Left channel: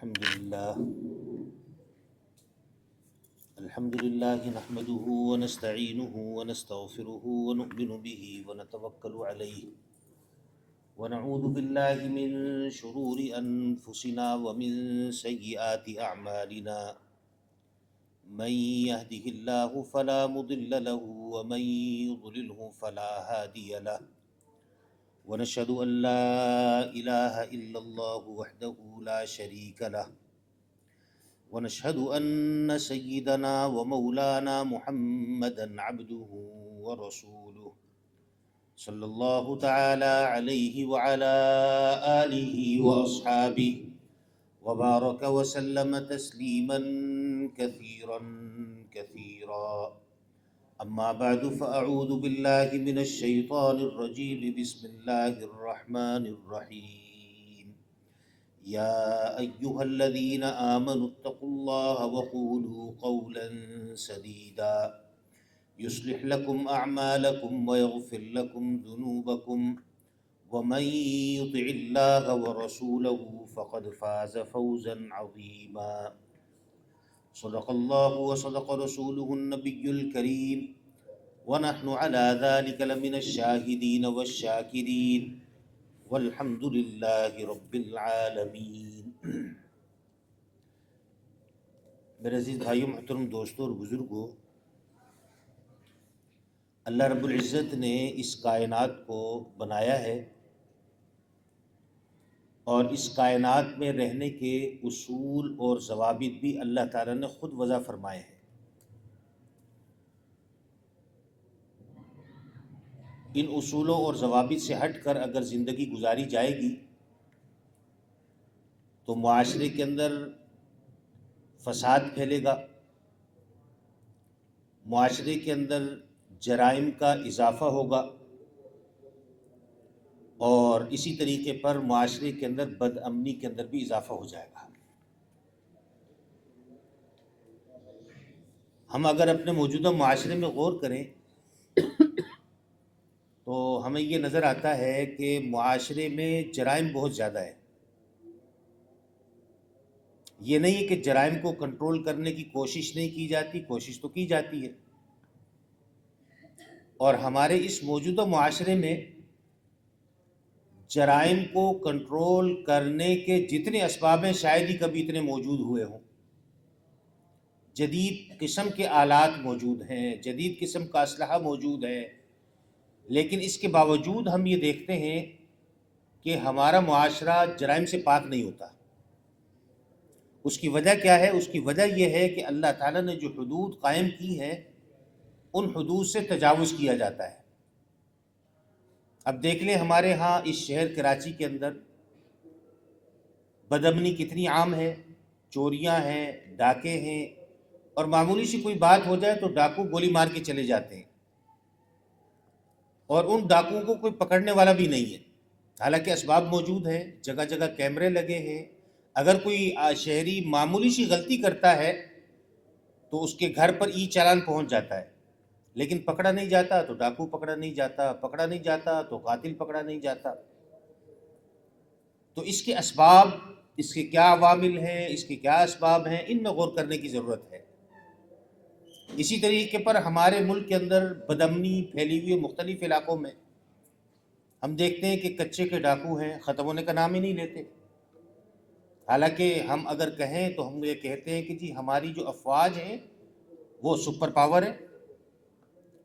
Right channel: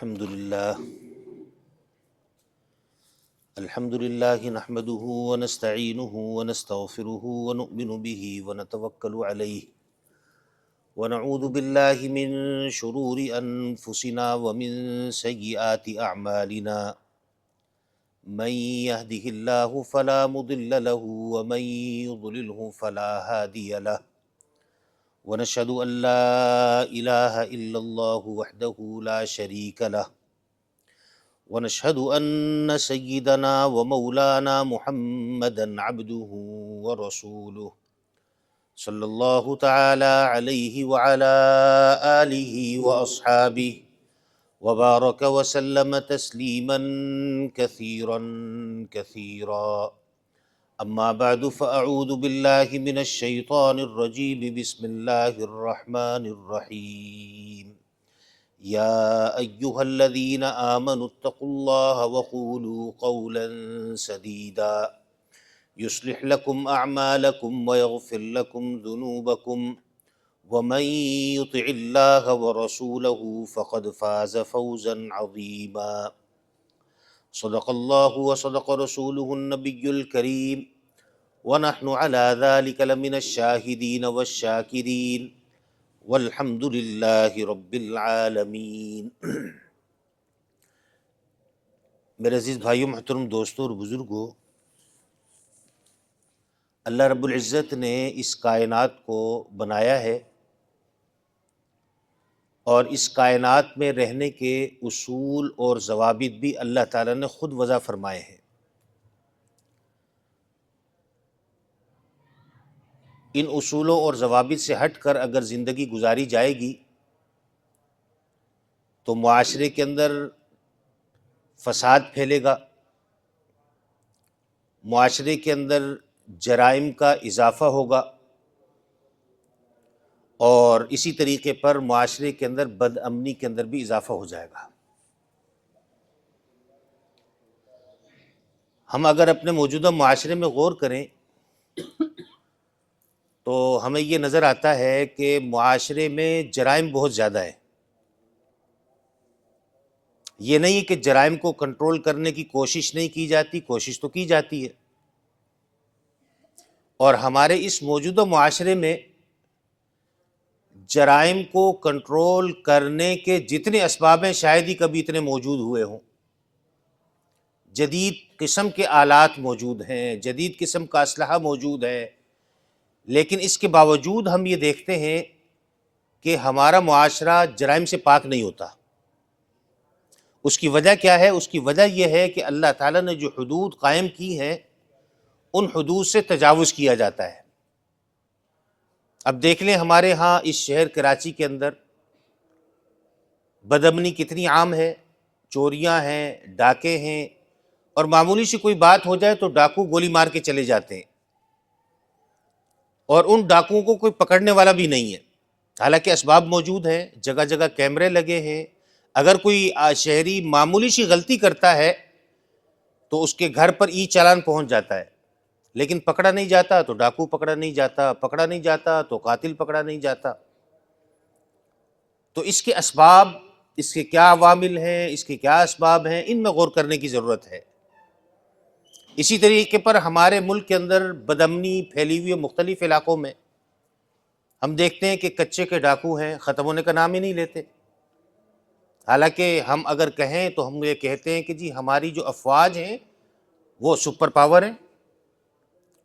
الحمد لله نحمده ونستعينه ونستغفره ونؤمن به ونتوكل عليه ونعوذ بالله من شرور أنفسنا ومن سيئات أعمالنا من يهده الله فلا مضل له ومن يضلله فلا هادي له ونشهد أن لا إله إلا الله وحده لا شريك له ونشهد أن سيدنا ومولانا محمدا عبده ورسوله صلى الله تعالى عليه وعلى آله وأصحابه وبارك وسلم تسليما كثيرا كثيرا أما بعد فأعوذ بالله من الشيطان الرجيم بسم الله الرحمن الرحيم يا أيها الذين آمنوا اتقوا الله وقولوا قولا سديدا يصلح لكم أعمالكم ويغفر لكم ذنوبكم ومن يطع الله ورسوله فقد فاز فوزا عظيما صدق الله وصدق رسوله النبي الكريم ونحن على ذلك لمن الشاهدين والشاكرين والحمد للہ رب العالمین۔ میرے عزیز بھائیوں، محترم دوستوں اور بزرگوں، اللہ رب العزت نے اس کائنات کو بنایا ہے اور اس کائنات میں رہنے کے اصول اور ضوابط بھی اللہ تعالیٰ نے خود وضع فرمائے ہیں۔ ان اصولوں اور ضوابط سے ہٹ کر اگر زندگی گزاری جائے گی تو معاشرے کے اندر فساد پھیلے گا، معاشرے کے اندر جرائم کا اضافہ ہوگا اور اسی طریقے پر معاشرے کے اندر بد امنی کے اندر بھی اضافہ ہو جائے گا۔ ہم اگر اپنے موجودہ معاشرے میں غور کریں تو ہمیں یہ نظر آتا ہے کہ معاشرے میں جرائم بہت زیادہ ہے۔ یہ نہیں کہ جرائم کو کنٹرول کرنے کی کوشش نہیں کی جاتی، کوشش تو کی جاتی ہے، اور ہمارے اس موجودہ معاشرے میں جرائم کو کنٹرول کرنے کے جتنے اسباب ہیں شاید ہی کبھی اتنے موجود ہوئے ہوں۔ جدید قسم کے آلات موجود ہیں، جدید قسم کا اسلحہ موجود ہے، لیکن اس کے باوجود ہم یہ دیکھتے ہیں کہ ہمارا معاشرہ جرائم سے پاک نہیں ہوتا۔ اس کی وجہ کیا ہے؟ اس کی وجہ یہ ہے کہ اللہ تعالیٰ نے جو حدود قائم کی ہیں ان حدود سے تجاوز کیا جاتا ہے۔ اب دیکھ لیں ہمارے ہاں اس شہر کراچی کے اندر بدامنی کتنی عام ہے، چوریاں ہیں، ڈاکے ہیں، اور معمولی سی کوئی بات ہو جائے تو ڈاکو گولی مار کے چلے جاتے ہیں، اور ان ڈاکوؤں کو کوئی پکڑنے والا بھی نہیں ہے، حالانکہ اسباب موجود ہیں، جگہ جگہ کیمرے لگے ہیں۔ اگر کوئی شہری معمولی سی غلطی کرتا ہے تو اس کے گھر پر ای چالان پہنچ جاتا ہے، لیکن پکڑا نہیں جاتا تو ڈاکو پکڑا نہیں جاتا، پکڑا نہیں جاتا تو قاتل پکڑا نہیں جاتا۔ تو اس کے اسباب، اس کے کیا عوامل ہیں، اس کے کیا اسباب ہیں، ان میں غور کرنے کی ضرورت ہے۔ اسی طریقے پر ہمارے ملک کے اندر بدامنی پھیلی ہوئی ہے مختلف علاقوں میں۔ ہم دیکھتے ہیں کہ کچے کے ڈاکو ہیں، ختم ہونے کا نام ہی نہیں لیتے۔ حالانکہ ہم اگر کہیں تو ہم یہ کہتے ہیں کہ جی ہماری جو افواج ہیں وہ سپر پاور ہیں،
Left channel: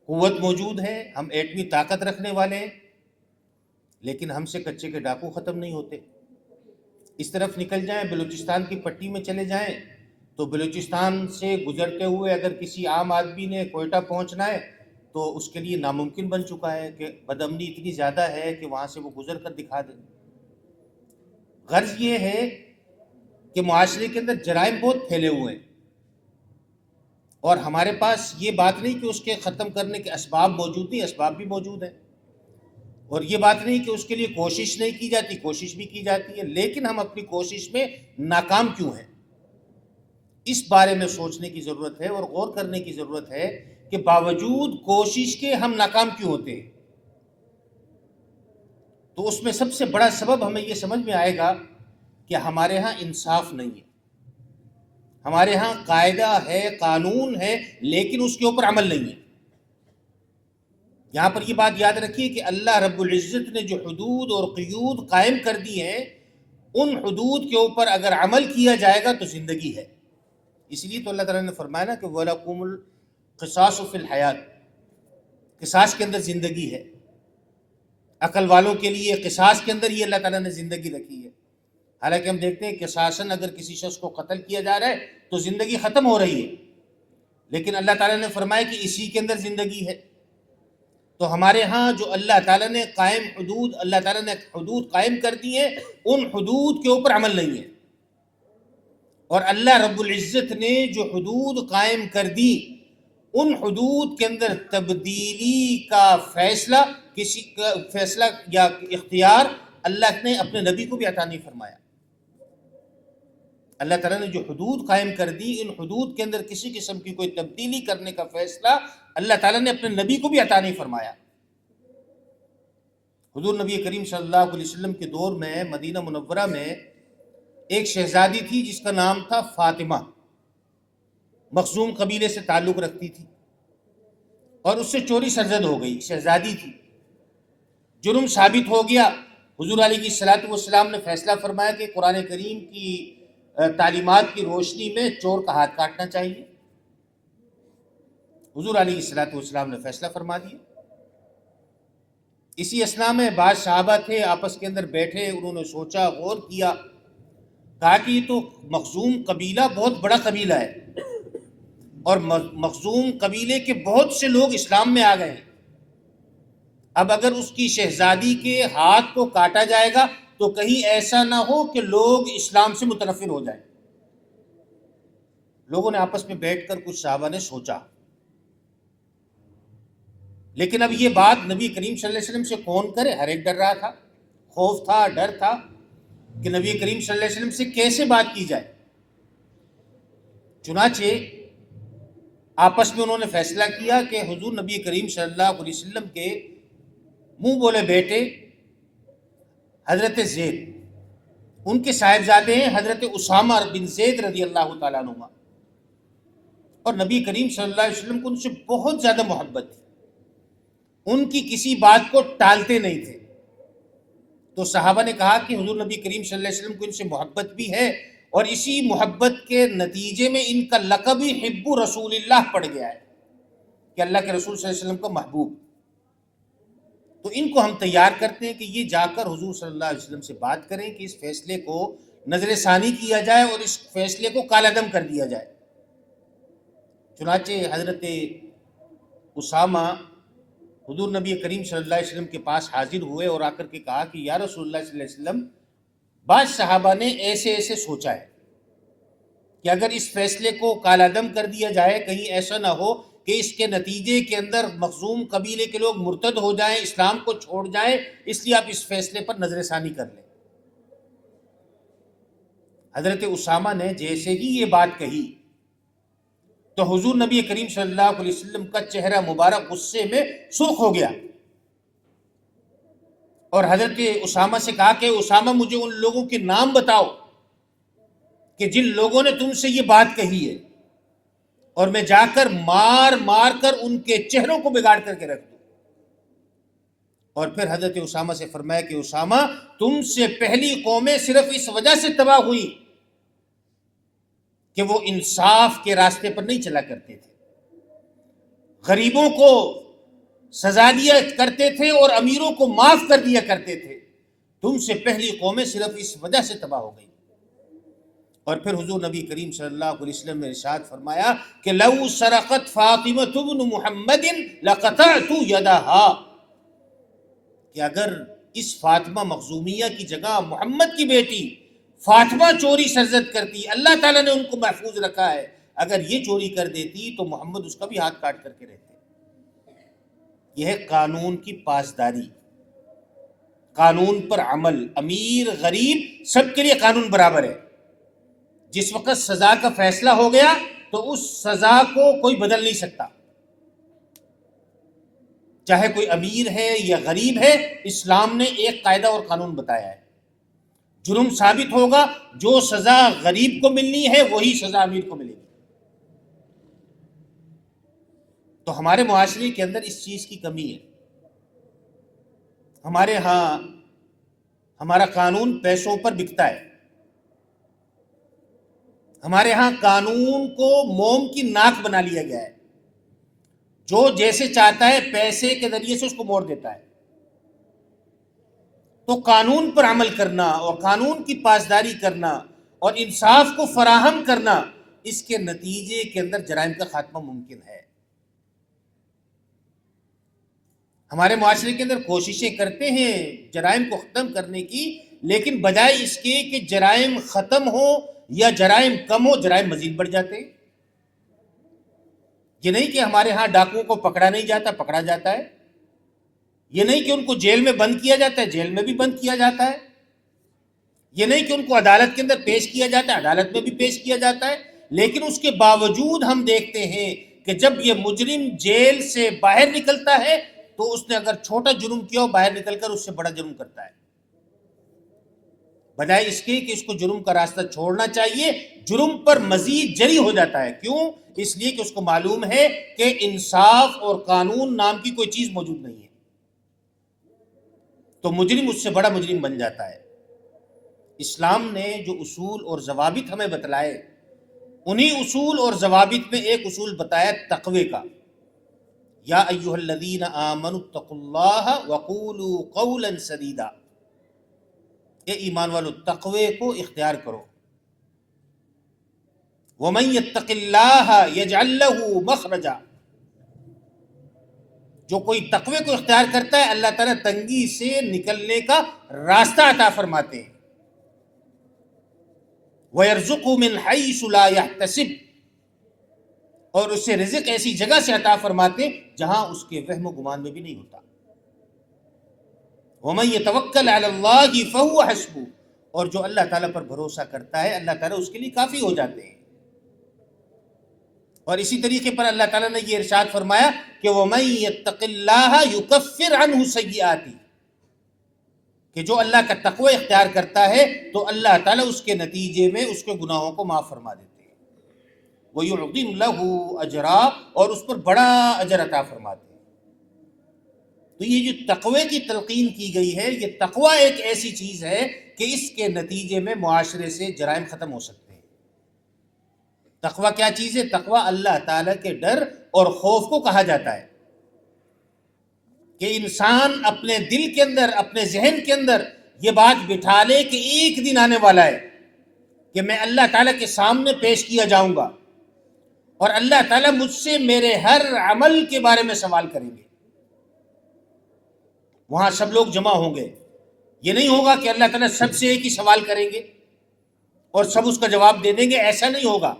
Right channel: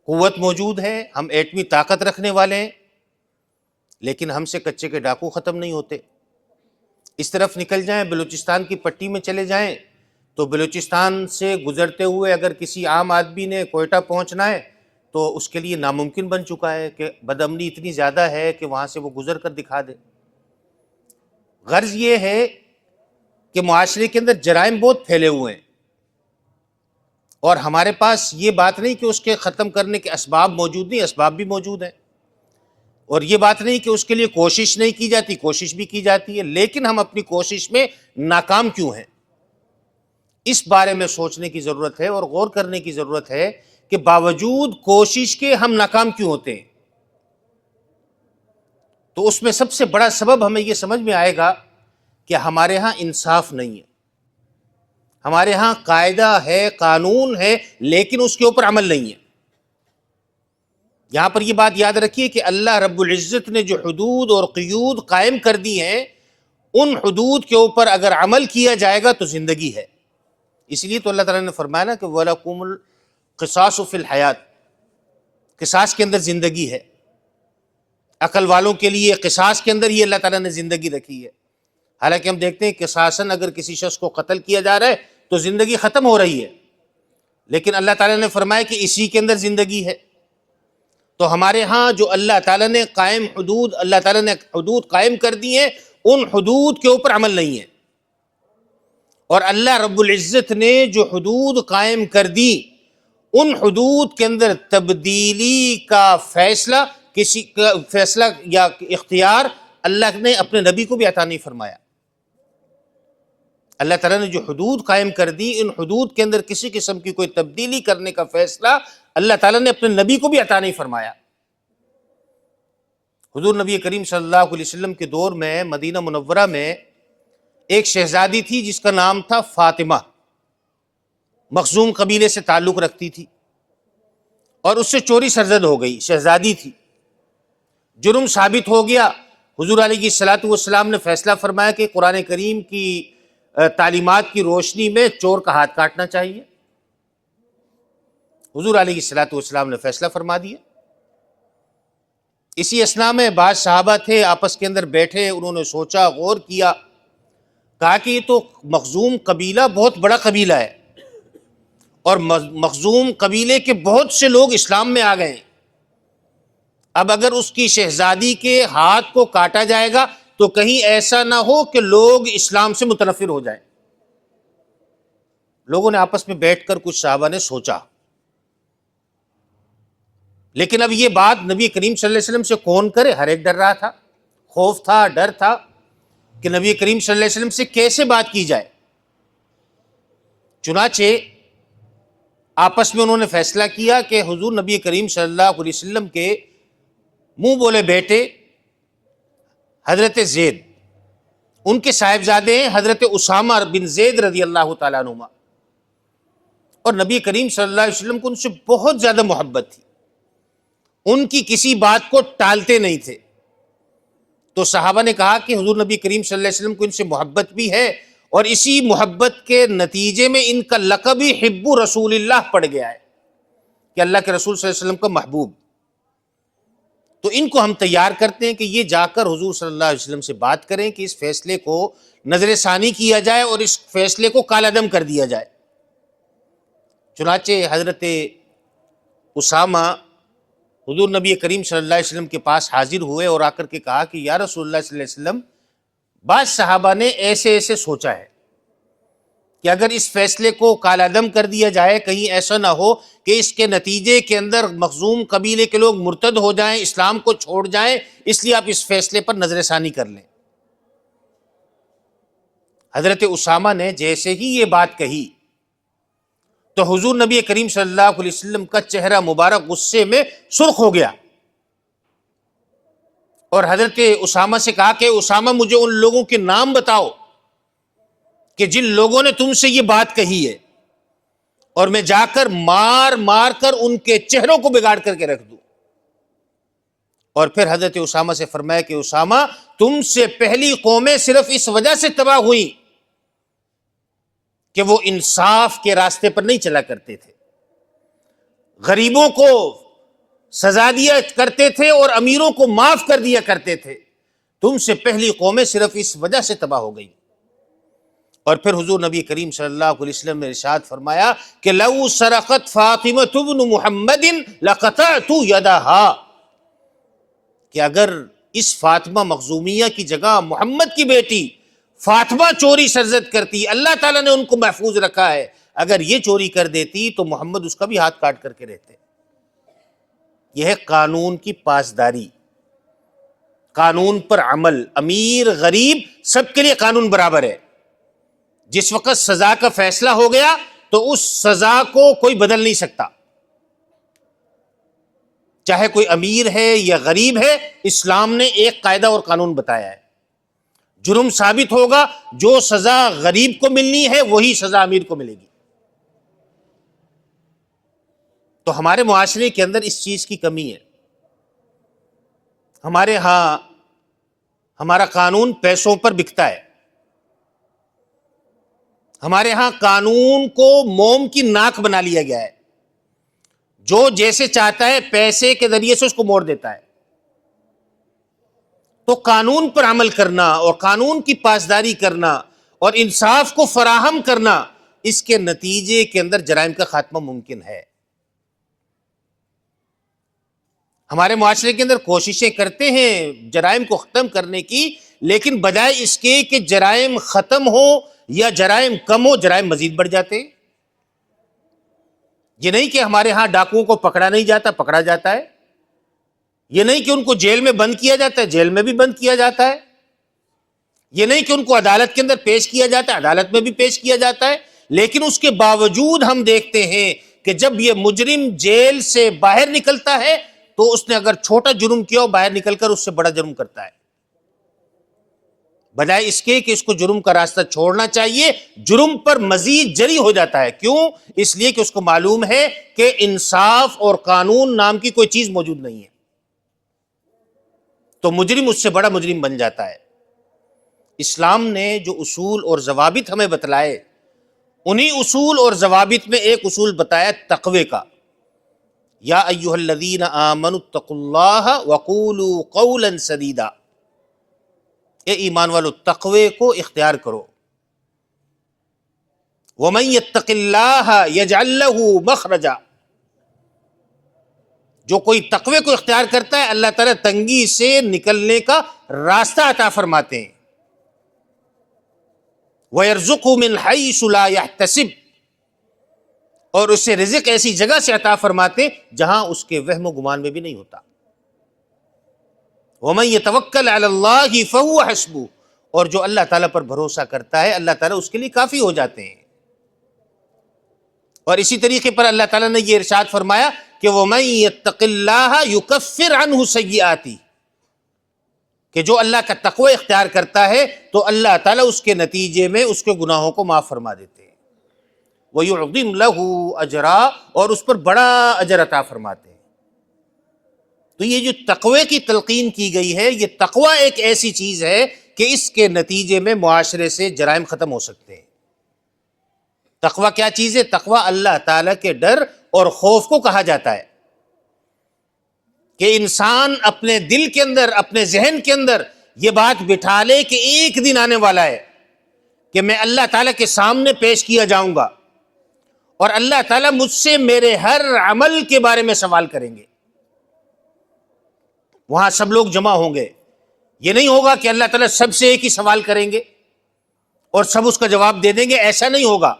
قوت موجود ہے، ہم ایٹمی طاقت رکھنے والے ہیں، لیکن ہم سے کچے کے ڈاکو ختم نہیں ہوتے۔ اس طرف نکل جائیں، بلوچستان کی پٹی میں چلے جائیں تو بلوچستان سے گزرتے ہوئے اگر کسی عام آدمی نے کوئٹہ پہنچنا ہے تو اس کے لیے ناممکن بن چکا ہے کہ بدامنی اتنی زیادہ ہے کہ وہاں سے وہ گزر کر دکھا دے۔ غرض یہ ہے کہ معاشرے کے اندر جرائم بہت پھیلے ہوئے ہیں، اور ہمارے پاس یہ بات نہیں کہ اس کے ختم کرنے کے اسباب موجود نہیں، اسباب بھی موجود ہیں، اور یہ بات نہیں کہ اس کے لیے کوشش نہیں کی جاتی، کوشش بھی کی جاتی ہے، لیکن ہم اپنی کوشش میں ناکام کیوں ہیں؟ اس بارے میں سوچنے کی ضرورت ہے اور غور کرنے کی ضرورت ہے کہ باوجود کوشش کے ہم ناکام کیوں ہوتے ہیں۔ تو اس میں سب سے بڑا سبب ہمیں یہ سمجھ میں آئے گا کہ ہمارے ہاں انصاف نہیں ہے، ہمارے ہاں قاعدہ ہے، قانون ہے، لیکن اس کے اوپر عمل نہیں ہے۔ یہاں پر یہ بات یاد رکھیے کہ اللہ رب العزت نے جو حدود اور قیود قائم کر دی ہیں، ان حدود کے اوپر اگر عمل کیا جائے گا تو زندگی ہے۔ اس لیے تو اللہ تعالیٰ نے فرمایا نا کہ وَلَكُمُ الْقِصَاصُ فِي الْحَيَاةِ، قصاص کے اندر زندگی ہے۔ عقل والوں کے لیے قصاص کے اندر ہی اللہ تعالیٰ نے زندگی رکھی ہے۔ حالانکہ ہم دیکھتے ہیں قصاصاً اگر کسی شخص کو قتل کیا جا رہا ہے تو زندگی ختم ہو رہی ہے، لیکن اللہ تعالیٰ نے فرمایا کہ اسی کے اندر زندگی ہے۔ تو ہمارے ہاں جو اللہ تعالیٰ نے اللہ تعالیٰ نے حدود قائم کر دی ہیں، ان حدود کے اوپر عمل نہیں ہے۔ اور اللہ رب العزت نے جو حدود قائم کر دی، ان حدود کے اندر تبدیلی کا فیصلہ کسی کا فیصلہ یا اختیار اللہ نے اپنے نبی کو بھی عطا نہیں فرمایا۔ اللہ تعالیٰ نے جو حدود قائم کر دی، ان حدود کے اندر کسی قسم کی کوئی تبدیلی کرنے کا فیصلہ اللہ تعالیٰ نے اپنے نبی کو بھی عطا نہیں فرمایا۔ حضور نبی کریم صلی اللہ علیہ وسلم کے دور میں مدینہ منورہ میں ایک شہزادی تھی جس کا نام تھا فاطمہ، مخزوم قبیلے سے تعلق رکھتی تھی، اور اس سے چوری سرزد ہو گئی۔ شہزادی تھی، جرم ثابت ہو گیا۔ حضور علیہ الصلوۃ والسلام نے فیصلہ فرمایا کہ قرآن کریم کی تعلیمات کی روشنی میں چور کا ہاتھ کاٹنا چاہیے۔ حضور علیہ الصلوۃ والسلام نے فیصلہ فرما دیا۔ اسی اثناء میں بعض صحابہ تھے، آپس کے اندر بیٹھے، انہوں نے سوچا، غور کیا، کہا کہ یہ تو مخزوم قبیلہ بہت بڑا قبیلہ ہے، اور مخزوم قبیلے کے بہت سے لوگ اسلام میں آ گئے ہیں۔ اب اگر اس کی شہزادی کے ہاتھ کو کاٹا جائے گا تو کہیں ایسا نہ ہو کہ لوگ اسلام سے متنفر ہو جائیں۔ لوگوں نے آپس میں بیٹھ کر کچھ صحابہ نے سوچا، لیکن اب یہ بات نبی کریم صلی اللہ علیہ وسلم سے کون کرے؟ ہر ایک ڈر رہا تھا، خوف تھا، ڈر تھا کہ نبی کریم صلی اللہ علیہ وسلم سے کیسے بات کی جائے۔ چنانچہ آپس میں انہوں نے فیصلہ کیا کہ حضور نبی کریم صلی اللہ علیہ وسلم کے منہ بولے بیٹے حضرت زید، ان کے صاحبزادے ہیں حضرت اسامہ بن زید رضی اللہ تعالیٰ عنہ، اور نبی کریم صلی اللہ علیہ وسلم کو ان سے بہت زیادہ محبت تھی، ان کی کسی بات کو ٹالتے نہیں تھے۔ تو صحابہ نے کہا کہ حضور نبی کریم صلی اللہ علیہ وسلم کو ان سے محبت بھی ہے، اور اسی محبت کے نتیجے میں ان کا لقب ہی حب رسول اللہ پڑ گیا ہے کہ اللہ کے رسول صلی اللہ علیہ وسلم کا محبوب۔ تو ان کو ہم تیار کرتے ہیں کہ یہ جا کر حضور صلی اللہ علیہ وسلم سے بات کریں کہ اس فیصلے کو نظر ثانی کیا جائے اور اس فیصلے کو کالعدم کر دیا جائے۔ چنانچہ حضرت اسامہ حضور نبی کریم صلی اللہ علیہ وسلم کے پاس حاضر ہوئے اور آ کر کے کہا کہ یا رسول اللہ صلی اللہ علیہ وسلم، بعض صحابہ نے ایسے ایسے سوچا ہے کہ اگر اس فیصلے کو کالعدم کر دیا جائے، کہیں ایسا نہ ہو کہ اس کے نتیجے کے اندر مخزوم قبیلے کے لوگ مرتد ہو جائیں، اسلام کو چھوڑ جائیں، اس لیے آپ اس فیصلے پر نظر ثانی کر لیں۔ حضرت اسامہ نے جیسے ہی یہ بات کہی تو حضور نبی کریم صلی اللہ علیہ وسلم کا چہرہ مبارک غصے میں سرخ ہو گیا، اور حضرت اسامہ سے کہا کہ اسامہ مجھے ان لوگوں کے نام بتاؤ کہ جن لوگوں نے تم سے یہ بات کہی ہے، اور میں جا کر مار مار کر ان کے چہروں کو بگاڑ کر کے رکھ دوں۔ اور پھر حضرت اسامہ سے فرمایا کہ اسامہ، تم سے پہلی قومیں صرف اس وجہ سے تباہ ہوئی کہ وہ انصاف کے راستے پر نہیں چلا کرتے تھے، غریبوں کو سزا دیا کرتے تھے اور امیروں کو معاف کر دیا کرتے تھے۔ تم سے پہلی قومیں صرف اس وجہ سے تباہ ہو گئی۔ اور پھر حضور نبی کریم صلی اللہ علیہ وسلم نے ارشاد فرمایا کہ لو سرقت فاطمہ بن محمد لقطعت یدہا، کہ اگر اس فاطمہ مخزومیہ کی جگہ محمد کی بیٹی فاطمہ چوری سرزد کرتی، اللہ تعالیٰ نے ان کو محفوظ رکھا ہے، اگر یہ چوری کر دیتی تو محمد اس کا بھی ہاتھ کاٹ کر کے رہتے۔ یہ ہے قانون کی پاسداری، قانون پر عمل، امیر غریب سب کے لیے قانون برابر ہے۔ جس وقت سزا کا فیصلہ ہو گیا تو اس سزا کو کوئی بدل نہیں سکتا، چاہے کوئی امیر ہے یا غریب ہے، اسلام نے ایک قاعدہ اور قانون بتایا ہے، جرم ثابت ہوگا، جو سزا غریب کو ملنی ہے وہی سزا امیر کو ملے گی۔ تو ہمارے معاشرے کے اندر اس چیز کی کمی ہے۔ ہمارے ہاں ہمارا قانون پیسوں پر بکتا ہے، ہمارے ہاں قانون کو موم کی ناک بنا لیا گیا ہے، جو جیسے چاہتا ہے پیسے کے ذریعے سے اس کو موڑ دیتا ہے۔ تو قانون پر عمل کرنا اور قانون کی پاسداری کرنا اور انصاف کو فراہم کرنا، اس کے نتیجے کے اندر جرائم کا خاتمہ ممکن ہے۔ ہمارے معاشرے کے اندر کوششیں کرتے ہیں جرائم کو ختم کرنے کی، لیکن بجائے اس کے کہ جرائم ختم ہو یا جرائم کم ہو، جرائم مزید بڑھ جاتے ہیں۔ یہ نہیں کہ ہمارے ہاں ڈاکوؤں کو پکڑا نہیں جاتا، پکڑا جاتا ہے۔ یہ نہیں کہ ان کو جیل میں بند کیا جاتا ہے، جیل میں بھی بند کیا جاتا ہے۔ یہ نہیں کہ ان کو عدالت کے اندر پیش کیا جاتا ہے، عدالت میں بھی پیش کیا جاتا ہے۔ لیکن اس کے باوجود ہم دیکھتے ہیں کہ جب یہ مجرم جیل سے باہر نکلتا ہے تو اس نے اگر چھوٹا جرم کیا ہو، باہر نکل کر اس سے بڑا جرم کرتا ہے، بجائے اس کے کہ اس کو جرم کا راستہ چھوڑنا چاہیے، جرم پر مزید جری ہو جاتا ہے۔ کیوں؟ اس لیے کہ اس کو معلوم ہے کہ انصاف اور قانون نام کی کوئی چیز موجود نہیں ہے، تو مجرم اس سے بڑا مجرم بن جاتا ہے۔ اسلام نے جو اصول اور ضوابط ہمیں بتلائے، انہی اصول اور ضوابط میں ایک اصول بتایا تقوی کا۔ یا ایھا الذین آمنوا اتقوا اللہ وقولوا قولا سدیدا، اے ایمان والو تقوی کو اختیار کرو۔ ومن یتق اللہ یجعل لہ مخرجا، جو کوئی تقوی کو اختیار کرتا ہے اللہ تعالیٰ تنگی سے نکلنے کا راستہ عطا فرماتے ہیں۔ وَيَرْزُقْهُ مِنْ حَيْثُ لَا يَحْتَسِبُ، اور اسے رزق ایسی جگہ سے عطا فرماتے جہاں اس کے وہم و گمان میں بھی نہیں ہوتا۔ وَمَنْ يَتَوَكَّلْ عَلَى اللَّهِ فَهُوَ حَسْبُهُ، اور جو اللہ تعالیٰ پر بھروسہ کرتا ہے اللہ تعالیٰ اس کے لیے کافی ہو جاتے ہیں۔ اور اسی طریقے پر اللہ تعالیٰ نے یہ ارشاد فرمایا کہ وَمَنْ يَتَّقِ اللَّهَ يُكَفِّرْ عَنْهُ سَيِّئَاتِهِ، کہ جو اللہ کا تقوی اختیار کرتا ہے تو اللہ تعالیٰ اس کے نتیجے میں اس کے گناہوں کو معاف فرما دیتے ہیں۔ وَيُعْظِمْ لَهُ أَجْرًا، اور اس پر بڑا اجر عطا فرماتے ہیں۔ تو یہ جو تقوی کی تلقین کی گئی ہے، یہ تقوی ایک ایسی چیز ہے کہ اس کے نتیجے میں معاشرے سے جرائم ختم ہو سکتے ہیں۔ تقوی کیا چیز ہے؟ تقوی اللہ تعالیٰ کے ڈر اور خوف کو کہا جاتا ہے، کہ انسان اپنے دل کے اندر، اپنے ذہن کے اندر یہ بات بٹھا لے کہ ایک دن آنے والا ہے کہ میں اللہ تعالیٰ کے سامنے پیش کیا جاؤں گا اور اللہ تعالیٰ مجھ سے میرے ہر عمل کے بارے میں سوال کریں گے۔ وہاں سب لوگ جمع ہوں گے، یہ نہیں ہوگا کہ اللہ تعالیٰ سب سے ایک ہی سوال کریں گے اور سب اس کا جواب دے دیں گے، ایسا نہیں ہوگا،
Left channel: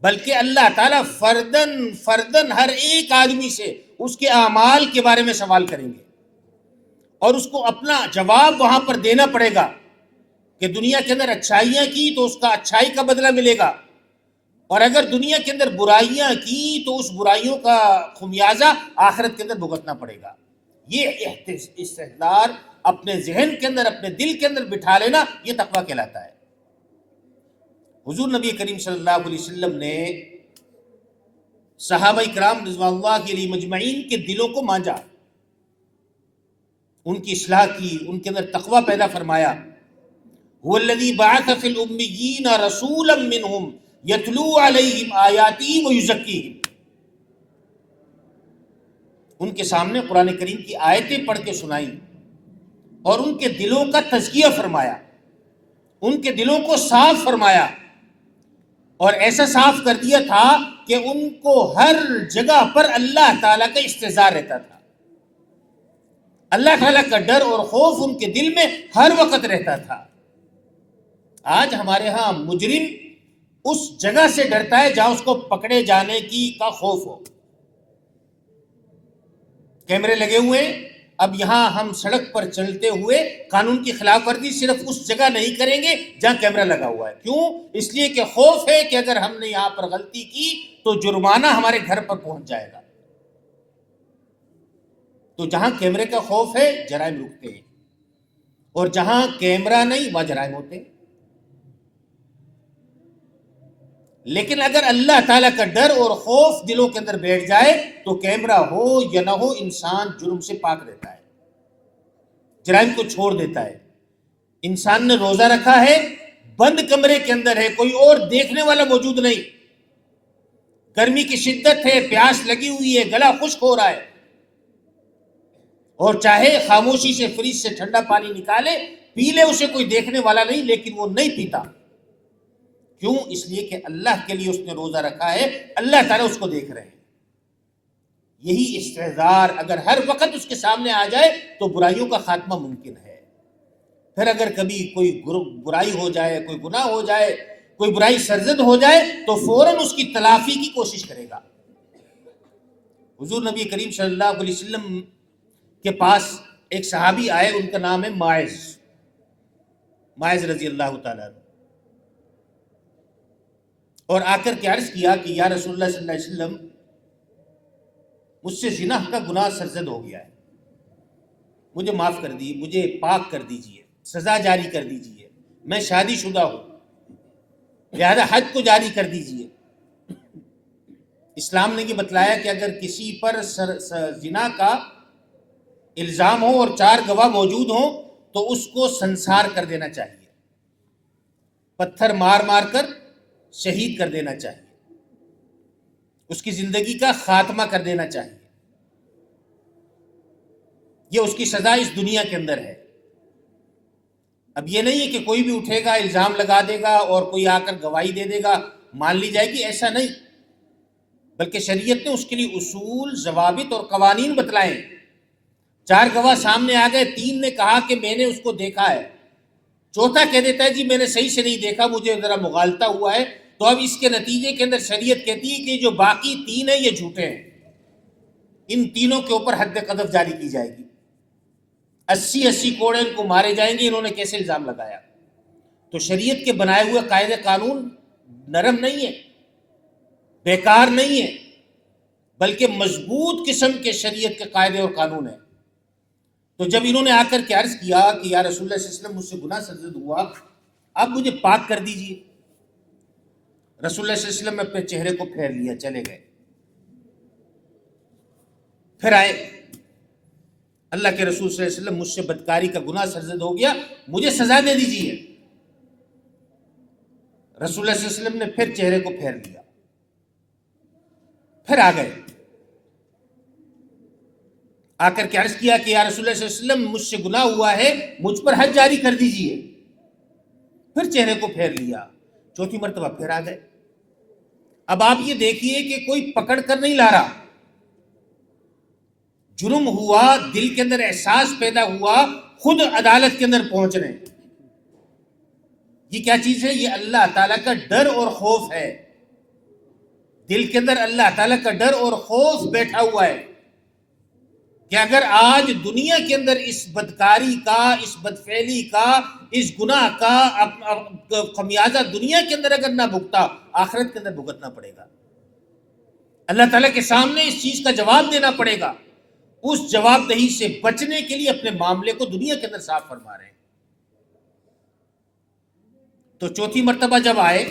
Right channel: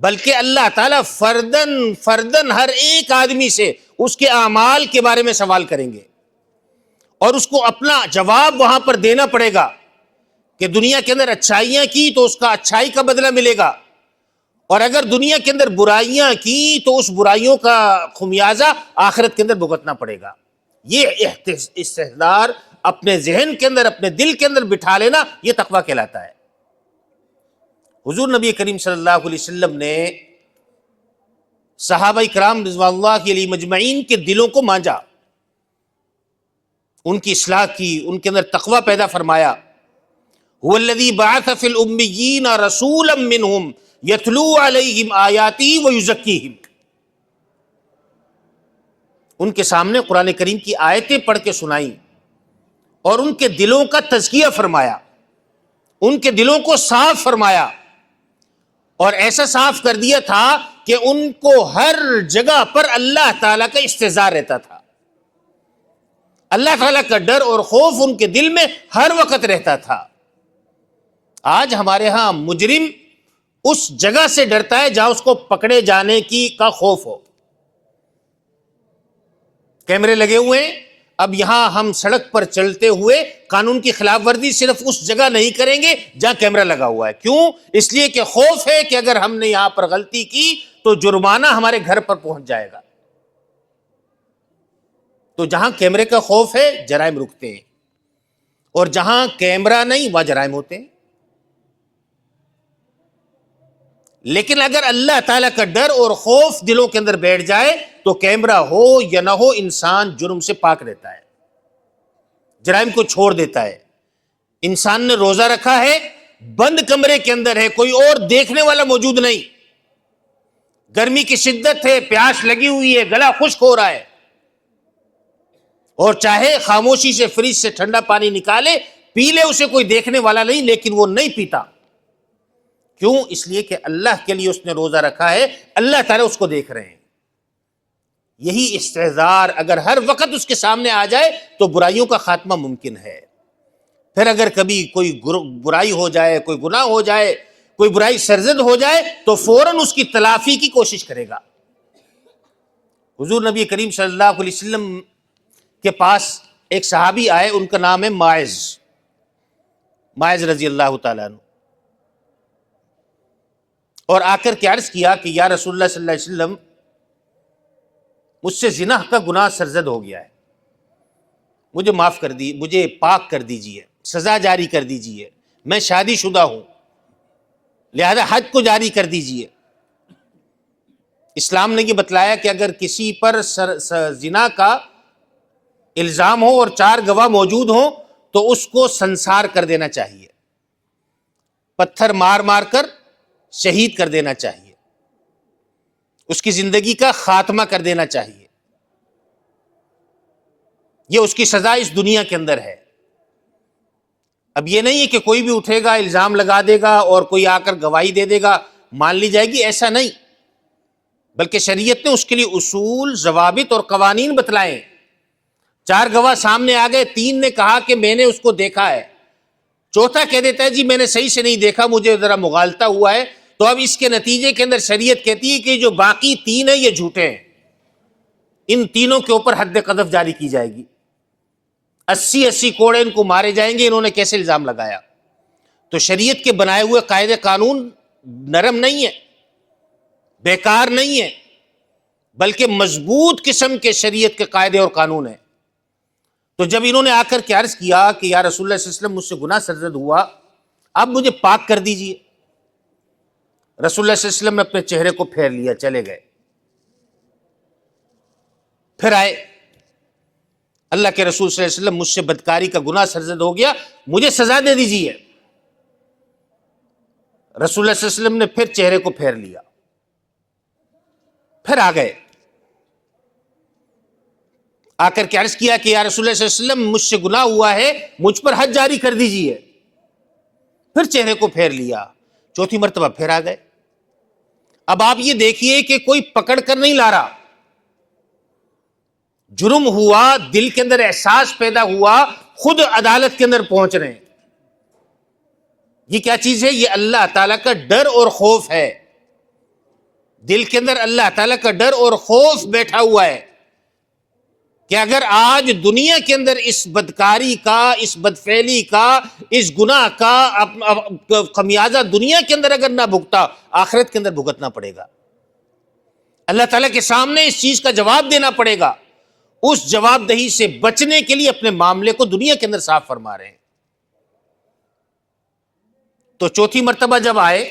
بلکہ اللہ تعالیٰ فردن ہر ایک آدمی سے اس کے اعمال کے بارے میں سوال کریں گے، اور اس کو اپنا جواب وہاں پر دینا پڑے گا کہ دنیا کے اندر اچھائیاں کی تو اس کا اچھائی کا بدلہ ملے گا، اور اگر دنیا کے اندر برائیاں کی تو اس برائیوں کا خمیازہ آخرت کے اندر بھگتنا پڑے گا۔ یہ استحضار اپنے ذہن کے اندر، اپنے دل کے اندر بٹھا لینا، یہ تقویٰ کہلاتا ہے۔ حضور نبی کریم صلی اللہ علیہ وسلم نے صحابہ کرام رضوان اللہ علیہم مجمعین کے دلوں کو مانجا، ان کی اصلاح کی، ان کے اندر تقویٰ پیدا فرمایا۔ هو الذی بعث فی الامیین رسولا منہم یتلو علیہم آیاتی ویزکیہم، ان کے سامنے قرآن کریم کی آیتیں پڑھ کے سنائیں اور ان کے دلوں کا تزکیہ فرمایا، ان کے دلوں کو صاف فرمایا، اور ایسا صاف کر دیا تھا کہ ان کو ہر جگہ پر اللہ تعالیٰ کا استحضار رہتا تھا، اللہ تعالیٰ کا ڈر اور خوف ان کے دل میں ہر وقت رہتا تھا۔ آج ہمارے ہاں مجرم اس جگہ سے ڈرتا ہے جہاں اس کو پکڑے جانے کا خوف ہو۔ کیمرے لگے ہوئے ہیں، اب یہاں ہم سڑک پر چلتے ہوئے قانون کی خلاف ورزی صرف اس جگہ نہیں کریں گے جہاں کیمرہ لگا ہوا ہے۔ کیوں؟ اس لیے کہ خوف ہے کہ اگر ہم نے یہاں پر غلطی کی تو جرمانہ ہمارے گھر پر پہنچ جائے گا۔ تو جہاں کیمرے کا خوف ہے جرائم رکتے ہیں، اور جہاں کیمرہ نہیں وہاں جرائم ہوتے ہیں. لیکن اگر اللہ تعالیٰ کا ڈر اور خوف دلوں کے اندر بیٹھ جائے تو کیمرہ ہو یا نہ ہو انسان جرم سے پاک رہتا ہے، جرائم کو چھوڑ دیتا ہے. انسان نے روزہ رکھا ہے، بند کمرے کے اندر ہے، کوئی اور دیکھنے والا موجود نہیں، گرمی کی شدت ہے، پیاس لگی ہوئی ہے، گلا خشک ہو رہا ہے، اور چاہے خاموشی سے فریج سے ٹھنڈا پانی نکالے پی لے، اسے کوئی دیکھنے والا نہیں، لیکن وہ نہیں پیتا. کیوں؟ اس لیے کہ اللہ کے لیے اس نے روزہ رکھا ہے، اللہ تعالیٰ اس کو دیکھ رہے ہیں. یہی استحضار اگر ہر وقت اس کے سامنے آ جائے تو برائیوں کا خاتمہ ممکن ہے. پھر اگر کبھی کوئی برائی ہو جائے، کوئی گناہ ہو جائے، کوئی برائی سرزد ہو جائے تو فوراً اس کی تلافی کی کوشش کرے گا. حضور نبی کریم صلی اللہ علیہ وسلم کے پاس ایک صحابی آئے، ان کا نام ہے ماعز رضی اللہ تعالیٰ عنہ، اور آ کر کے عرض کیا کہ یا رسول اللہ صلی اللہ علیہ وسلم، مجھ سے زنا کا گناہ سرزد ہو گیا ہے، مجھے معاف کر دی، مجھے پاک کر دیجئے، سزا جاری کر دیجئے، میں شادی شدہ ہوں، لہذا حد کو جاری کر دیجئے. اسلام نے یہ بتلایا کہ اگر کسی پر زنا کا الزام ہو اور 4 گواہ موجود ہوں تو اس کو سنسار کر دینا چاہیے، پتھر مار مار کر شہید کر دینا چاہیے، اس کی زندگی کا خاتمہ کر دینا چاہیے. یہ اس کی سزا اس دنیا کے اندر ہے. اب یہ نہیں ہے کہ کوئی بھی اٹھے گا، الزام لگا دے گا اور کوئی آ کر گواہی دے دے گا مان لی جائے گی، ایسا نہیں، بلکہ شریعت نے اس کے لیے اصول، ضوابط اور قوانین بتلائے. 4 گواہ سامنے آ گئے، 3 نے کہا کہ میں نے اس کو دیکھا ہے، چوتھا کہہ دیتا ہے جی میں نے صحیح سے نہیں دیکھا، مجھے ذرا مغالطہ ہوا ہے، تو اب اس کے نتیجے کے اندر شریعت کہتی ہے کہ جو باقی 3 ہیں یہ جھوٹے ہیں، ان تینوں کے اوپر حد قذف جاری کی جائے گی، 80 کوڑے ان کو مارے جائیں گے، انہوں نے کیسے الزام لگایا. تو شریعت کے بنائے ہوئے قاعدے قانون نرم نہیں ہے، بیکار نہیں ہے، بلکہ مضبوط قسم کے شریعت کے قاعدے اور قانون ہیں. تو جب انہوں نے آ کر کے عرض کیا کہ یا رسول اللہ صلی اللہ علیہ وسلم، مجھ سے گناہ سرزد ہوا، آپ مجھے پاک کر دیجئے، رسول اللہ صلی اللہ علیہ وسلم نے اپنے چہرے کو پھیر لیا، چلے گئے. پھر آئے، اللہ کے رسول صلی اللہ علیہ وسلم، مجھ سے بدکاری کا گناہ سرزد ہو گیا، مجھے سزا دے دیجئے. رسول اللہ صلی اللہ علیہ وسلم نے پھر چہرے کو پھیر لیا، پھر آ گئے، آ کر کے عرض کیا کہ یا رسول اللہ صلی اللہ علیہ وسلم، مجھ سے گناہ ہوا ہے، مجھ پر حد جاری کر دیجئے. پھر چہرے کو پھیر لیا، چوتھی مرتبہ پھر آ گئے. اب آپ یہ دیکھیے کہ کوئی پکڑ کر نہیں لا رہا، جرم ہوا، دل کے اندر احساس پیدا ہوا، خود عدالت کے اندر پہنچ رہے ہیں. یہ کیا چیز ہے؟ یہ اللہ تعالیٰ کا ڈر اور خوف ہے. دل کے اندر اللہ تعالیٰ کا ڈر اور خوف بیٹھا ہوا ہے کہ اگر آج دنیا کے اندر اس بدکاری کا، اس بدفعلی کا، اس گناہ کا خمیازہ دنیا کے اندر اگر نہ بھگتا، آخرت کے اندر بھگتنا پڑے گا. اللہ تعالیٰ کے سامنے اس چیز کا جواب دینا پڑے گا. اس جواب دہی سے بچنے کے لیے اپنے معاملے کو دنیا کے اندر صاف فرما رہے ہیں. تو چوتھی مرتبہ جب آئے،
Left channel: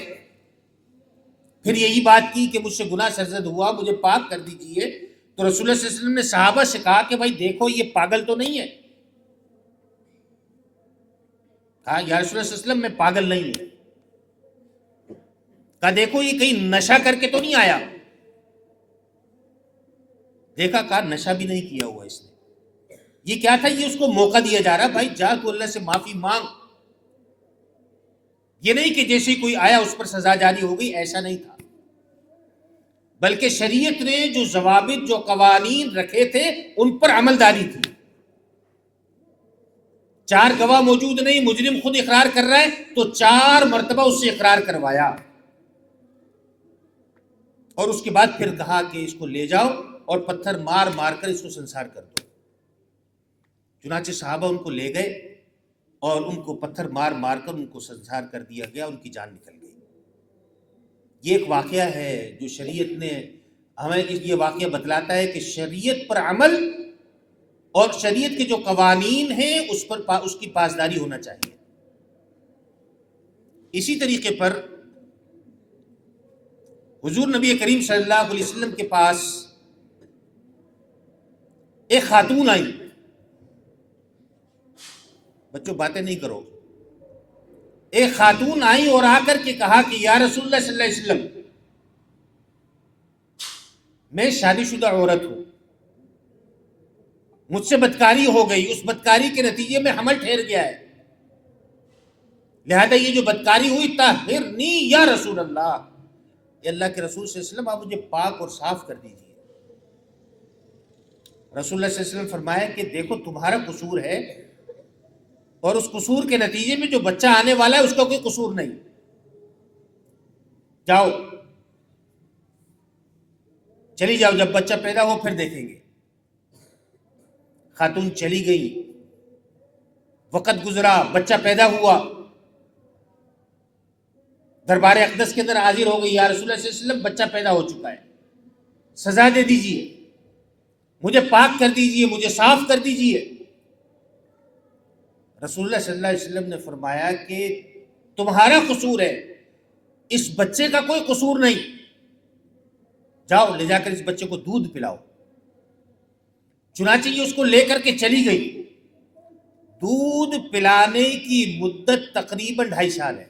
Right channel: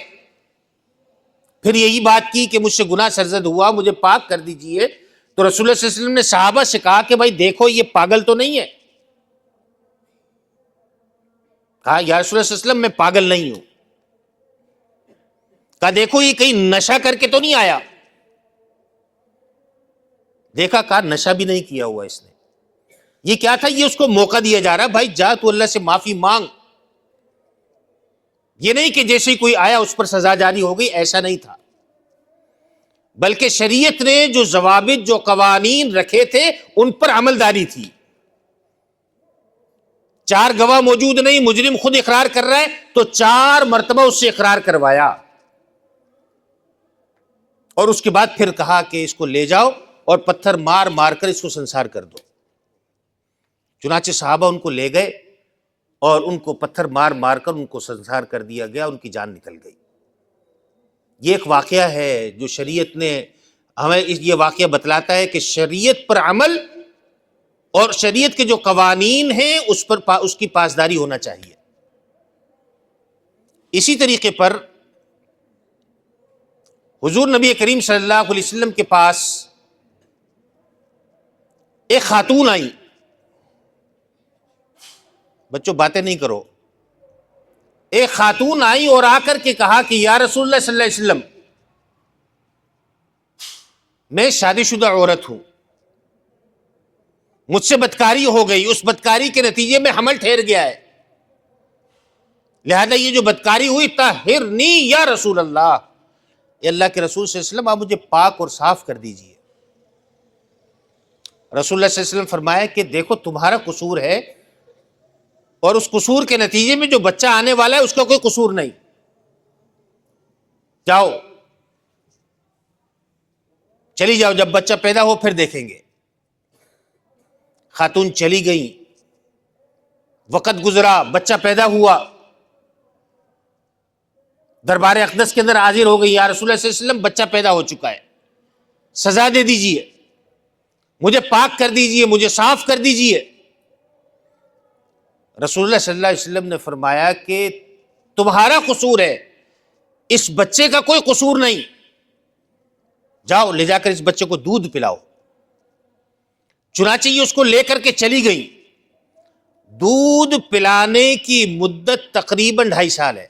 پھر یہی بات کی کہ مجھ سے گناہ سرزد ہوا، مجھے پاک کر دیجئے. تو رسول اللہ صلی اللہ علیہ وسلم نے صحابہ سے کہا کہ بھائی دیکھو یہ پاگل تو نہیں ہے. کہا یا رسول اللہ صلی اللہ علیہ وسلم، میں پاگل نہیں ہوں. کہا دیکھو یہ کہیں نشہ کر کے تو نہیں آیا. دیکھا، کہا نشہ بھی نہیں کیا ہوا اس نے. یہ کیا تھا؟ یہ اس کو موقع دیا جا رہا، بھائی جا تو اللہ سے معافی مانگ. یہ نہیں کہ جیسے کوئی آیا اس پر سزا جاری ہو گئی، ایسا نہیں تھا، بلکہ شریعت نے جو ضوابط، جو قوانین رکھے تھے ان پر عمل داری تھی. 4 گواہ موجود نہیں، مجرم خود اقرار کر رہا ہے تو 4 مرتبہ اس سے اقرار کروایا، اور اس کے بعد پھر کہا کہ اس کو لے جاؤ اور پتھر مار مار کر اس کو سنسار کر دو. چنانچہ صحابہ ان کو لے گئے اور ان کو پتھر مار مار کر ان کو سنسار کر دیا گیا، ان کی جان نکل گئی. یہ ایک واقعہ ہے جو شریعت نے ہمیں یہ واقعہ بتلاتا ہے کہ شریعت پر عمل اور شریعت کے جو قوانین ہیں اس کی پاسداری ہونا چاہیے۔ اسی طریقے پر حضور نبی کریم صلی اللہ علیہ وسلم کے پاس ایک خاتون آئی، بچوں باتیں نہیں کرو، ایک خاتون آئی اور آ کر کے کہا کہ یا رسول اللہ صلی اللہ علیہ وسلم، میں شادی شدہ عورت ہوں، مجھ سے بدکاری ہو گئی، اس بدکاری کے نتیجے میں حمل ٹھہر گیا ہے، لہذا یہ جو بدکاری ہوئی طہرنی یا رسول اللہ، اے اللہ کے رسول صلی اللہ علیہ وسلم آپ مجھے پاک اور صاف کر دیجئے۔ رسول اللہ صلی اللہ علیہ وسلم فرمایا کہ دیکھو تمہارا قصور ہے، اور اس قصور کے نتیجے میں جو بچہ آنے والا ہے اس کا کوئی قصور نہیں، جاؤ چلی جاؤ، جب بچہ پیدا ہو پھر دیکھیں گے۔ خاتون چلی گئی، وقت گزرا، بچہ پیدا ہوا، دربار اقدس کے اندر حاضر ہو گئی، یا رسول اللہ صلی اللہ علیہ وسلم بچہ پیدا ہو چکا ہے، سزا دے دیجئے، مجھے پاک کر دیجئے، مجھے صاف کر دیجئے۔ رسول اللہ صلی اللہ علیہ وسلم نے فرمایا کہ تمہارا قصور ہے، اس بچے کا کوئی قصور نہیں، جاؤ لے جا کر اس بچے کو دودھ پلاؤ۔ چنانچہ یہ اس کو لے کر کے چلی گئی۔ دودھ پلانے کی مدت تقریباً 2.5 سال ہے،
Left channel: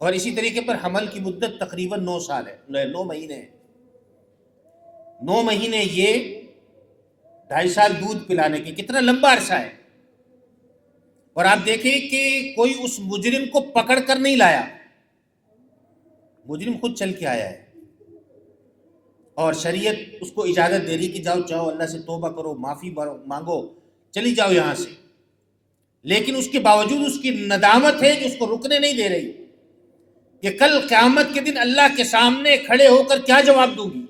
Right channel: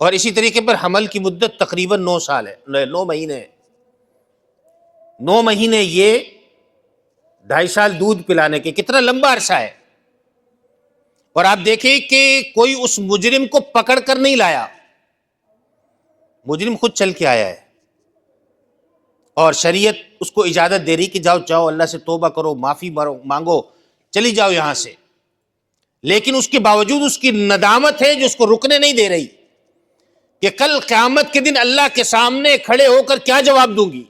اور اسی طریقے پر حمل کی مدت تقریباً 9 سال ہے، 9 مہینے ہے۔ 9 مہینے یہ 2.5 سال دودھ پلانے کے، کتنا لمبا عرصہ ہے۔ اور آپ دیکھیں کہ کوئی اس مجرم کو پکڑ کر نہیں لایا، مجرم خود چل کے آیا ہے، اور شریعت اس کو اجازت دے رہی کہ جاؤ جاؤ اللہ سے توبہ کرو، معافی مانگو، چلی جاؤ یہاں سے۔ لیکن اس کے باوجود اس کی ندامت ہے جو اس کو رکنے نہیں دے رہی کہ کل قیامت کے دن اللہ کے سامنے کھڑے ہو کر کیا جواب دوں گی۔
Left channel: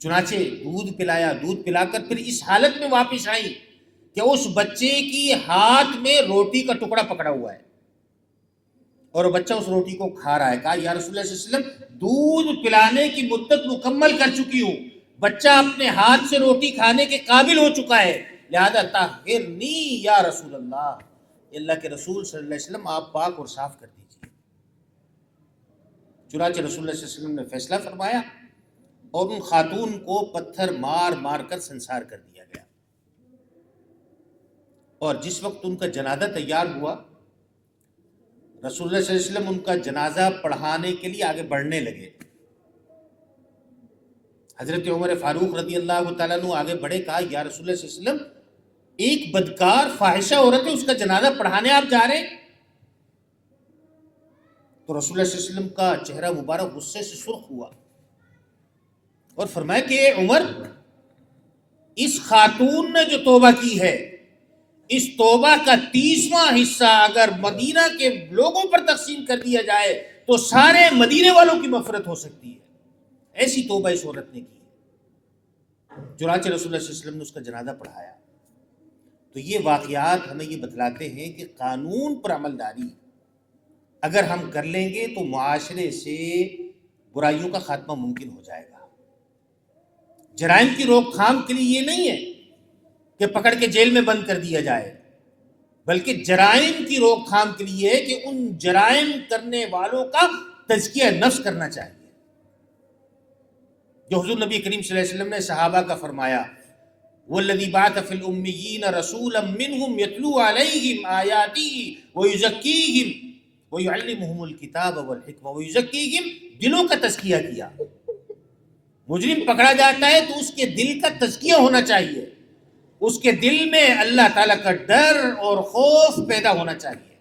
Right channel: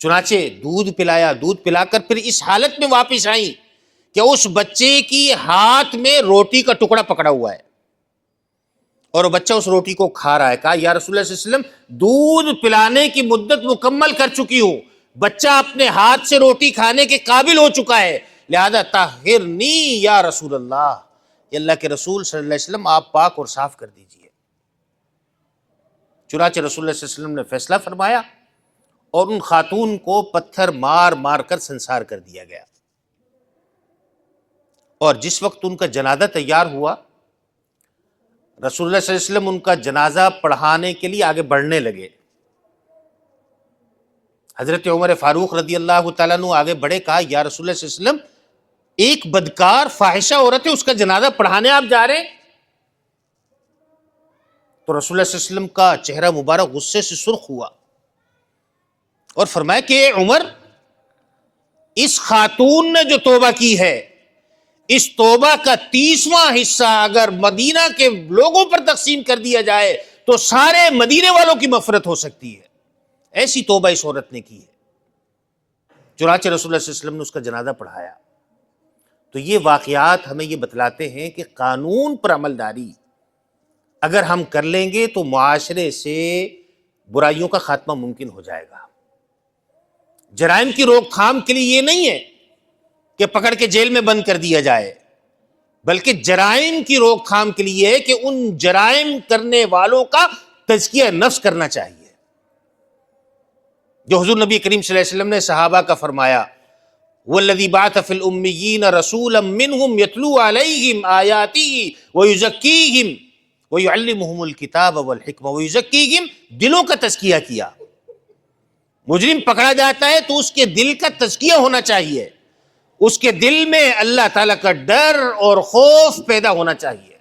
چنانچہ دودھ پلایا، دودھ پلا کر پھر اس حالت میں واپس آئی کہ اس بچے کی ہاتھ میں روٹی کا ٹکڑا پکڑا ہوا ہے، اور وہ بچہ اس روٹی کو کھا رہا ہے۔ کہا یا رسول اللہ صلی اللہ علیہ وسلم دودھ پلانے کی مدت مکمل کر چکی ہوں، بچہ اپنے ہاتھ سے روٹی کھانے کے قابل ہو چکا ہے، لہذا طہرنی یا رسول اللہ، یہ اللہ کے رسول صلی اللہ علیہ وسلم آپ پاک اور صاف کر دیجئے۔ چنانچہ رسول اللہ صلی اللہ علیہ وسلم نے فیصلہ فرمایا، اور ان خاتون کو پتھر مار مار کر سنسار کر دیا گیا۔ اور جس وقت ان کا جنازہ تیار ہوا، رسول اللہ صلی اللہ علیہ وسلم ان کا جنازہ پڑھانے کے لیے آگے بڑھنے لگے۔ حضرت عمر فاروق رضی اللہ تعالیٰ عنہ آگے بڑھے، کہا یا رسول اللہ صلی اللہ علیہ وسلم ایک بدکار فاحشہ عورت ہے، اس کا جنازہ پڑھانے آپ جا رہے ہیں؟ تو رسول اللہ صلی اللہ علیہ وسلم کا چہرہ مبارک غصے سے سرخ ہوا، اور فرمایا کہ اے عمر، اس خاتون نے جو توبہ کی ہے، اس توبہ کا 30واں حصہ اگر مدینہ کے لوگوں پر تقسیم کر دیا جائے تو سارے مدینے والوں کی مغفرت ہو سکتی ہے، ایسی توبہ اس عورت نے کی ہے۔ چنانچہ رسول اللہ صلی اللہ علیہ وسلم نے اس کا جنازہ پڑھایا۔ تو یہ واقعات ہمیں یہ بتلاتے ہیں کہ قانون پر عمل داری اگر ہم کر لیں گے تو معاشرے سے برائیوں کا خاتمہ ممکن ہو جائے گا۔ جرائم کی روک تھام کے لیے یہ نہیں ہے کہ پکڑ کے جیل میں بند کر دیا جائے، بلکہ جرائم کی روک تھام کے لیے ہے کہ ان جرائم کرنے والوں کا تزکیہ نفس کرنا چاہیے، جو حضور نبی کریم صلی اللہ علیہ وسلم نے صحابہ کا فرمایا، والذی بعث فی الامیین رسولا منہم یتلو علیہم آیاتہ ویزکیہم ویعلمہم الکتاب والحکمہ ویزکیہم، دلوں کا تزکیہ کیا۔ مجرم پکڑا جاتا ہے تو اس کے دل کا تزکیہ ہونا چاہیے، اس کے دل میں اللہ تعالیٰ کا ڈر اور خوف پیدا ہونا چاہیے،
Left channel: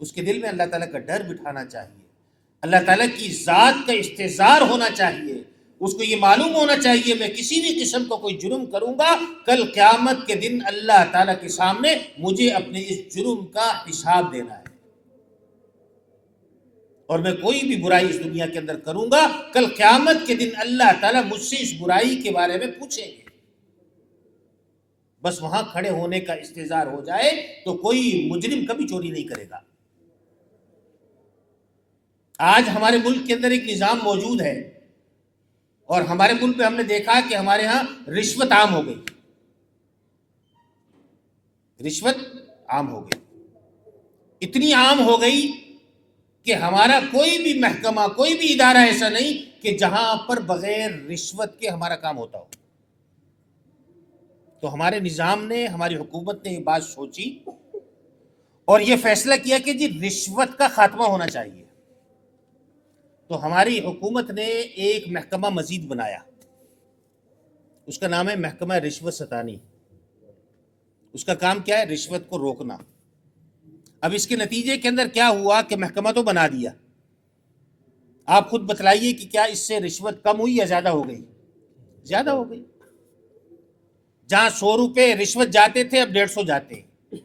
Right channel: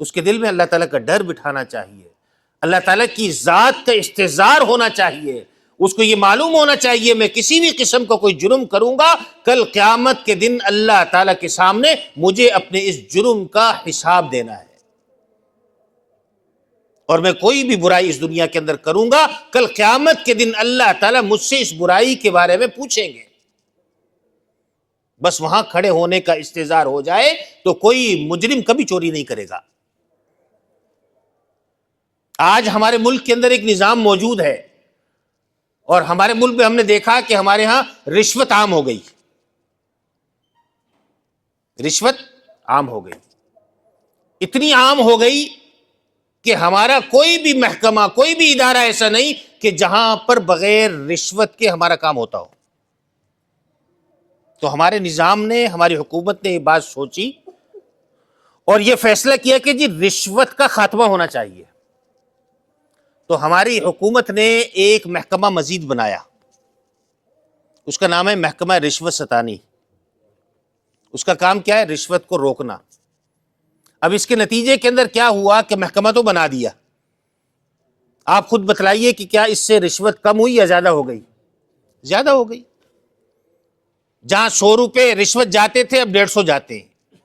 اس کے دل میں اللہ تعالیٰ کا ڈر بٹھانا چاہیے، اللہ تعالیٰ کی ذات کا استحضار ہونا چاہیے، اس کو یہ معلوم ہونا چاہیے میں کسی بھی قسم کا کوئی جرم کروں گا، کل قیامت کے دن اللہ تعالیٰ کے سامنے مجھے اپنے اس جرم کا حساب دینا ہے، اور میں کوئی بھی برائی اس دنیا کے اندر کروں گا، کل قیامت کے دن اللہ تعالیٰ مجھ سے اس برائی کے بارے میں پوچھیں گے۔ بس وہاں کھڑے ہونے کا استحضار ہو جائے تو کوئی مجرم کبھی چوری نہیں کرے گا۔ آج ہمارے ملک کے اندر ایک نظام موجود ہے اور ہمارے ملک میں ہم نے دیکھا کہ ہمارے ہاں رشوت عام ہو گئی، رشوت عام ہو گئی، اتنی عام ہو گئی کہ ہمارا کوئی بھی محکمہ، کوئی بھی ادارہ ایسا نہیں کہ جہاں پر بغیر رشوت کے ہمارا کام ہوتا ہو۔ تو ہمارے نظام نے، ہماری حکومت نے یہ بات سوچی اور یہ فیصلہ کیا کہ جی رشوت کا خاتمہ ہونا چاہیے۔ تو ہماری حکومت نے ایک محکمہ مزید بنایا، اس کا نام ہے محکمہ رشوت ستانی۔ اس کا کام کیا ہے؟ رشوت کو روکنا۔ اب اس کے نتیجے کے اندر کیا ہوا کہ محکمہ تو بنا دیا، آپ خود بتلائیے کہ کیا اس سے رشوت کم ہوئی یا زیادہ ہو گئی؟ زیادہ ہو گئی۔ جہاں 100 روپے رشوت جاتے تھے اب 150 جاتے ہیں۔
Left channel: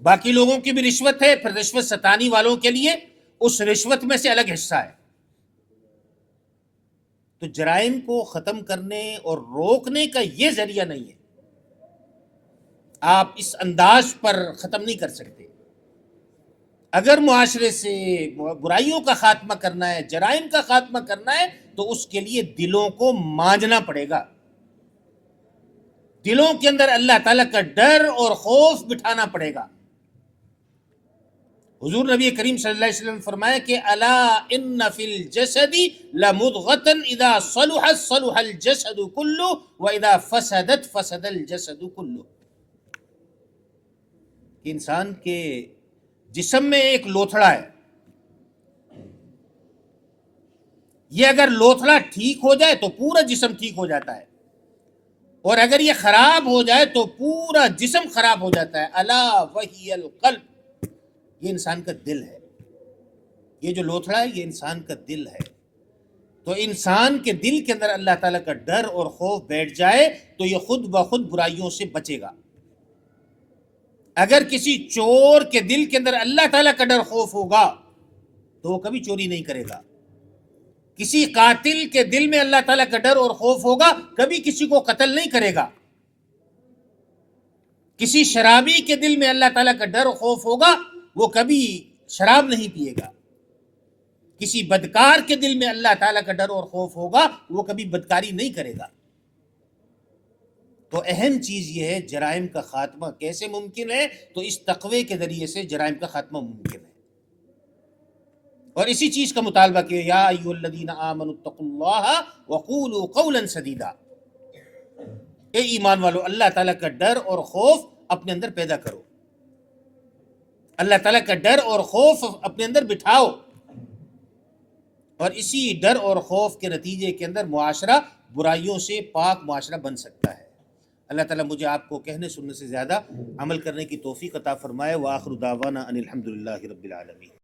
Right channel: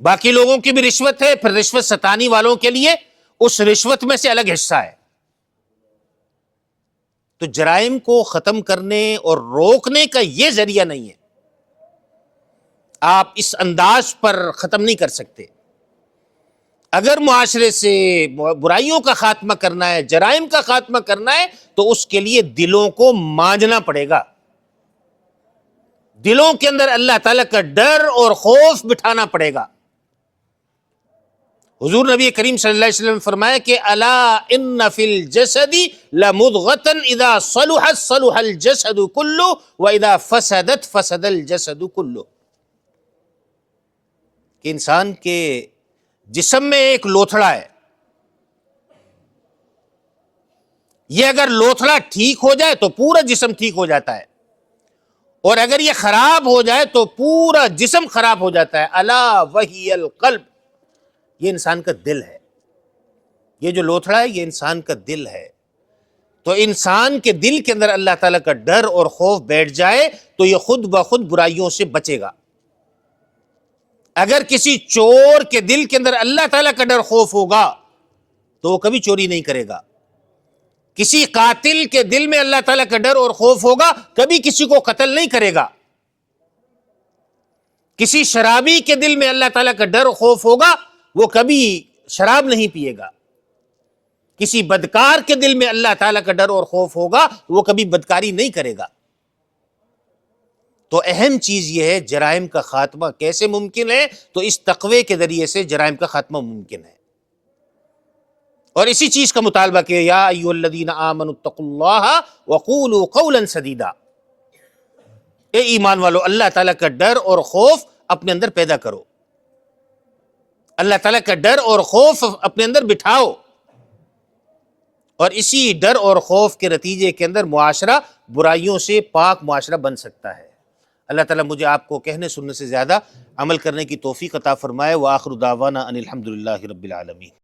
باقی لوگوں کی بھی رشوت ہے، پھر رشوت ستانی والوں کے لیے اس رشوت میں سے الگ حصہ ہے۔ تو جرائم کو ختم کرنے اور روکنے کا یہ ذریعہ نہیں ہے، آپ اس انداز پر ختم نہیں کر سکتے۔ اگر معاشرے سے برائیوں کا خاتمہ کرنا ہے، جرائم کا خاتمہ کرنا ہے، تو اس کے لیے دلوں کو مانجنا پڑے گا، دلوں کے اندر اللہ تعالیٰ کا ڈر اور خوف بٹھانا پڑے گا۔ حضور نبی کریم صلی اللہ علیہ وسلم نے فرمایا کہ الا ان فی الجسد لمضغۃ اذا صلحت صلح الجسد کلہ واذا فسدت فسد الجسد کلہ، کہ انسان کے جسم میں ایک لوتھڑا ہے، یہ اگر لوتھڑا ٹھیک ہو جائے تو پورا جسم ٹھیک ہو جاتا ہے، اور اگر یہ خراب ہو جائے تو پورا جسم خراب ہو جاتا ہے۔ الا وہی القلب، یہ انسان کا دل ہے، یہ جو لوتھڑا ہے یہ انسان کا دل ہے۔ تو انسان کے دل کے اندر اللہ تعالیٰ کا ڈر اور خوف بیٹھ جائے تو یہ خود بخود برائیوں سے بچے گا۔ اگر کسی چور کے دل کے اندر اللہ تعالیٰ کا ڈر خوف ہوگا تو وہ کبھی چوری نہیں کرے گا۔ کسی قاتل کے دل میں اللہ تعالیٰ کا ڈر اور خوف ہوگا، کبھی کسی کو قتل نہیں کرے گا۔ کسی شرابی کے دل میں اللہ تعالیٰ کا ڈر اور خوف ہوگا، وہ کبھی شراب نہیں پیے گا۔ کسی بدکار کے دل میں اللہ تعالیٰ کا ڈر اور خوف ہوگا، وہ کبھی بدکاری نہیں کرے گا۔ تو اہم چیز یہ ہے جرائم کا خاتمہ کیسے ممکن ہے؟ تو اس تقوی کے ذریعے سے جرائم کا خاتمہ ممکن ہے۔ اور اسی چیز کا مطالبہ کہ یا ایھا الذین آمنوا اتقوا اللہ وقولوا قولا سدیدا، اے ایمان والو اللہ تعالیٰ کا ڈر اور خوف اپنے اندر پیدا کرو، اللہ تعالیٰ کا ڈر اور خوف اپنے اندر بٹھاؤ، اور اسی ڈر اور خوف کے نتیجے کے اندر معاشرہ برائیوں سے پاک معاشرہ بن سکتا ہے۔ اللہ تعالیٰ مجھے آپ کو کہنے سننے سے زیادہ عمل کرنے کی توفیق عطا فرمائے۔ وآخر دعوانا ان الحمد للہ رب العالمین۔